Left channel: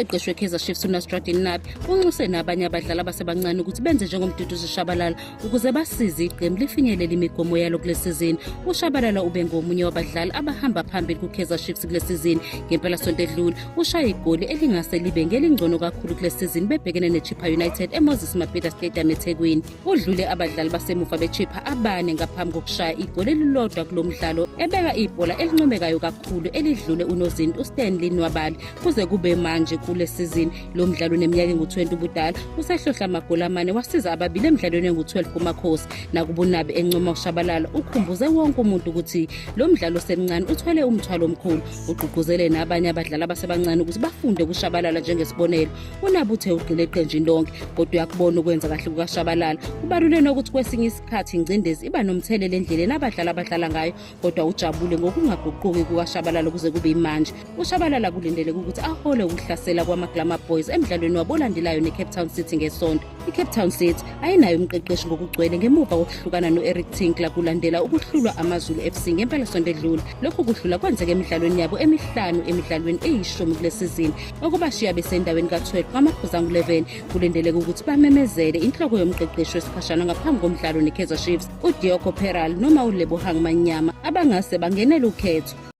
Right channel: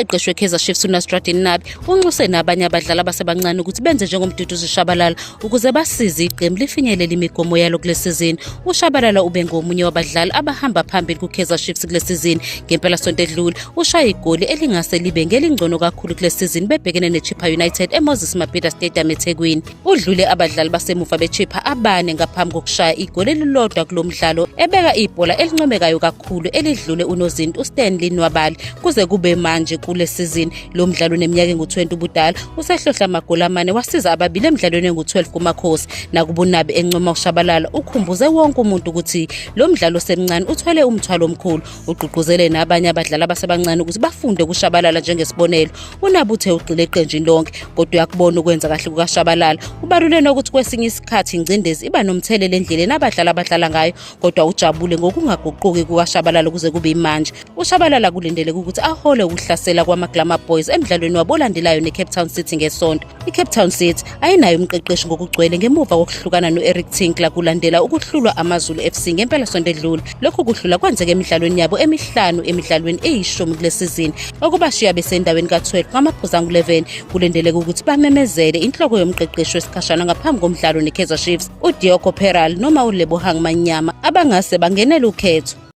umqeqeshi weKaizer Chiefs uNasruddin Nabi unxuse nabanye abadlali abasebancane ukuthi benze njengomduduzi Shabalala ukuze basize iqembu lifinyelele imigomo yalo kule sizini. uShabalala ube ngomunye wabadlali abahamba phambili kuKaizer Chiefs kule sizini. Ngempela sonto edlule ushaya igoli elingase libe ngelingcono kakhulu kule sizini bebhekene neChippa United eMoses Mabhida Stadium eThekwini. Udlule abadlali basemuva beChippa abane ngaphambi kokushaya igoli elilodwa kulo mdlalo, ebeka ibhola elincomekayo kakhulu elidlule unozinti uStanley Nwabali. Kuze kube manje kule sizini lo mdlalo neminyaka engu-20 ubudala usehlohla amagoli amane wasiza ababili emidlalweni engu-12 kumakhosi. Nakuba uNabi encoma uShabalala ukhumbuze wonke umuntu ukuthi lo mdlalo osemncane uthwele umthwalo omkhulu. Ugqugquzele nabanye abadlali abasebancane ukuthi bafunde kuShabalala njengesibonelo. uNabi uthe ugxile eqenjini lonke kodwa uyakubona ukwenza kahle kukaShabalala. Kubalulekile ukuthi kwesinye isikhathi ingcindezi iba nomthelela endleleni abadlali abadlala ngayo, kodwa ujabule ngokungaguquki kukaShabalala kuze kube manje. uShabalala kulindeleke ukuthi ahole ukuhlasela kwamaGlamour Boys emidlalweni wabo olandelayo neCape Town City ngeSonto. iCape Town City ayinayo umqeqeshi ngokugcwele ngemuva kokuhlukana noEric Tinkler kulandela ukuhlulwa amaZulu FC ngempela sonto edlule. Lokhu kuhlula kwenzeka emidlalweni yabo emihlanu emidlalweni eyishumi kule sizini, okubashiya besendaweni ka-12 ngamaphuzu angu-11. Kulindeleke ukuthi bamemezele inhloko yomqeqeshi wesikhashana ngaphambi komdlalo neKaizer Chiefs uDioko Peral noma uLebohang Manyama abangase bangenele ukhetho.